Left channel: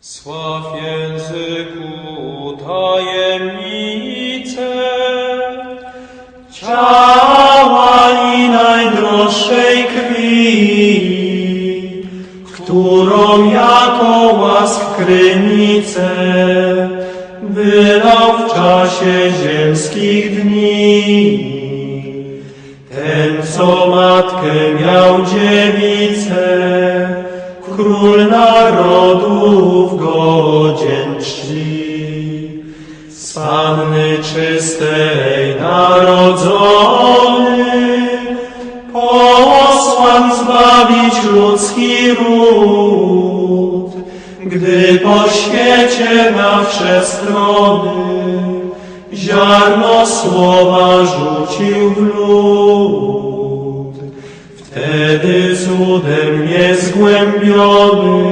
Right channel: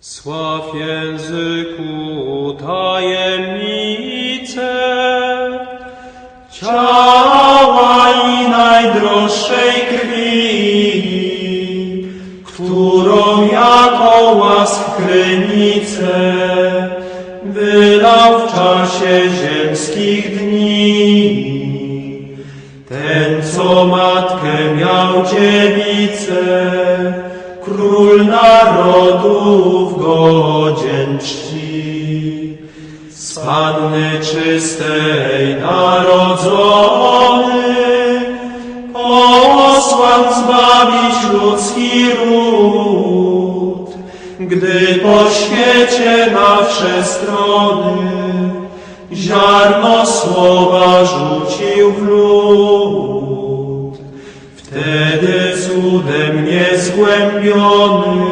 Sław języku tajemnice, ciała i najdroższej krwi, którą jako łask krynicę wylał w czasie ziemskich dni. Ten, co matkę miał dziewicę, król narodów godzien czci. Z panny czystej narodzony, posłan zbawić ludzki ród, gdy po świecie na wsze strony ziarno słowa rzucił w lud. Wtedy cudem niezgłębiony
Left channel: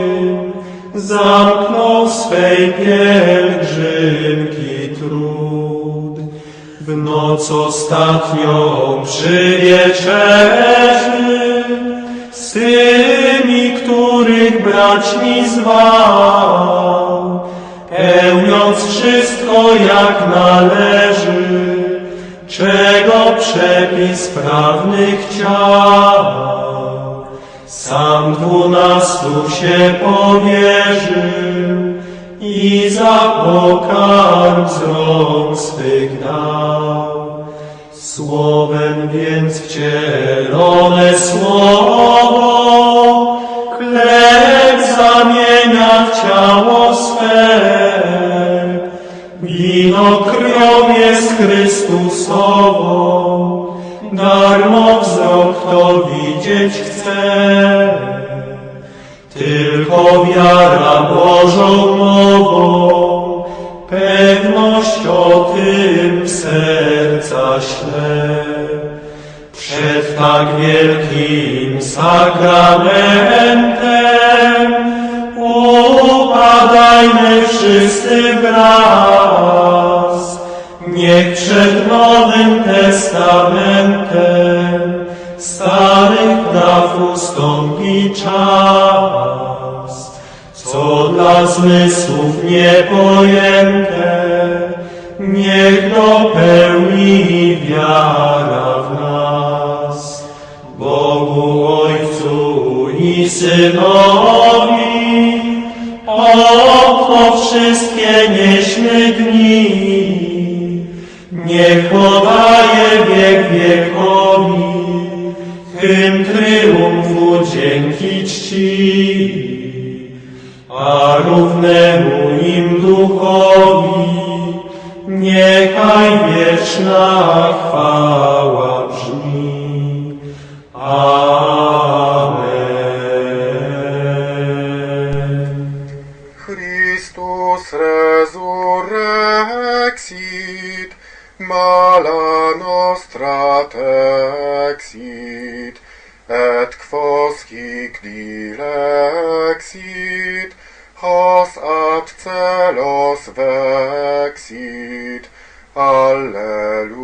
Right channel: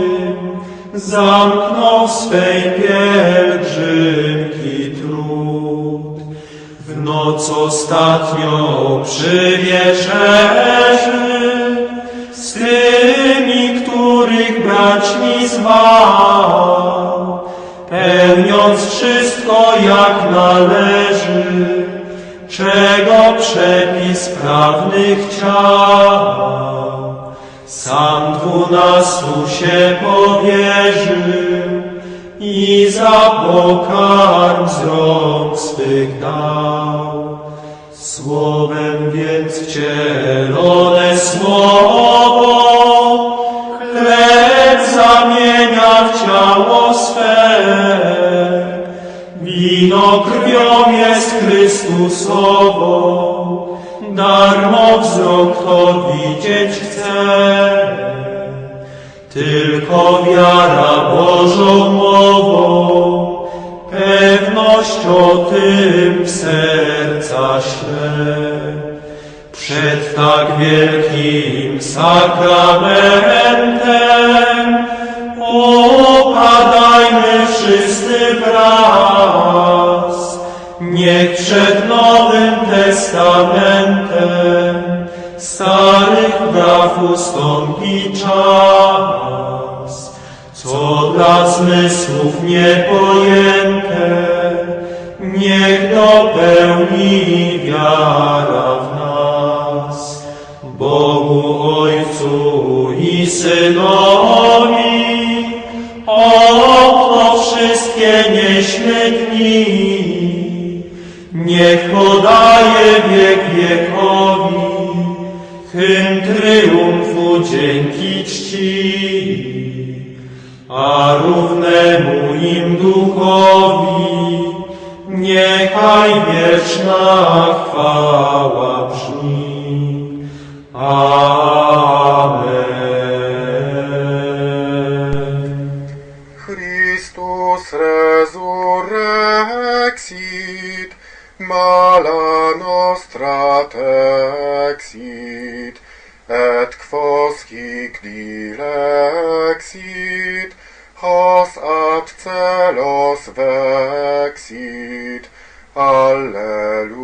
zamknął swej pielgrzymki trud. W noc ostatnią przy wieczerzy z tymi, których braćmi zwał, pełniąc wszystko jak należy, czego przepis prawny chciał. Sam dwunastu się powierzył i za pokarm z rąk swych dał. Słowem więc wcielone słowo Wino krwią jest Chrystusową, darmo wzrok to widzieć chce. Tylko wiara Bożą mową, pewność o tym serca śle. Przed tak wielkim sakramentem opadajmy wszyscy wraz. Niech przed Nowym Testamentem starych praw ustąpi czas, co dla zmysłów niepojęte, niech dopełni wiara w nas. Bogu Ojcu i Synowi, oto wszystkie nieśmy dni, niech podaje wiek wiekowi, hymn triumfu dzięki czci, a równemu im duchowi, niechaj wieczna chwała brzmi. Amen. texit, mala nostra texit, et quos hic dilexit, hos ad celos vexit, Alleluia.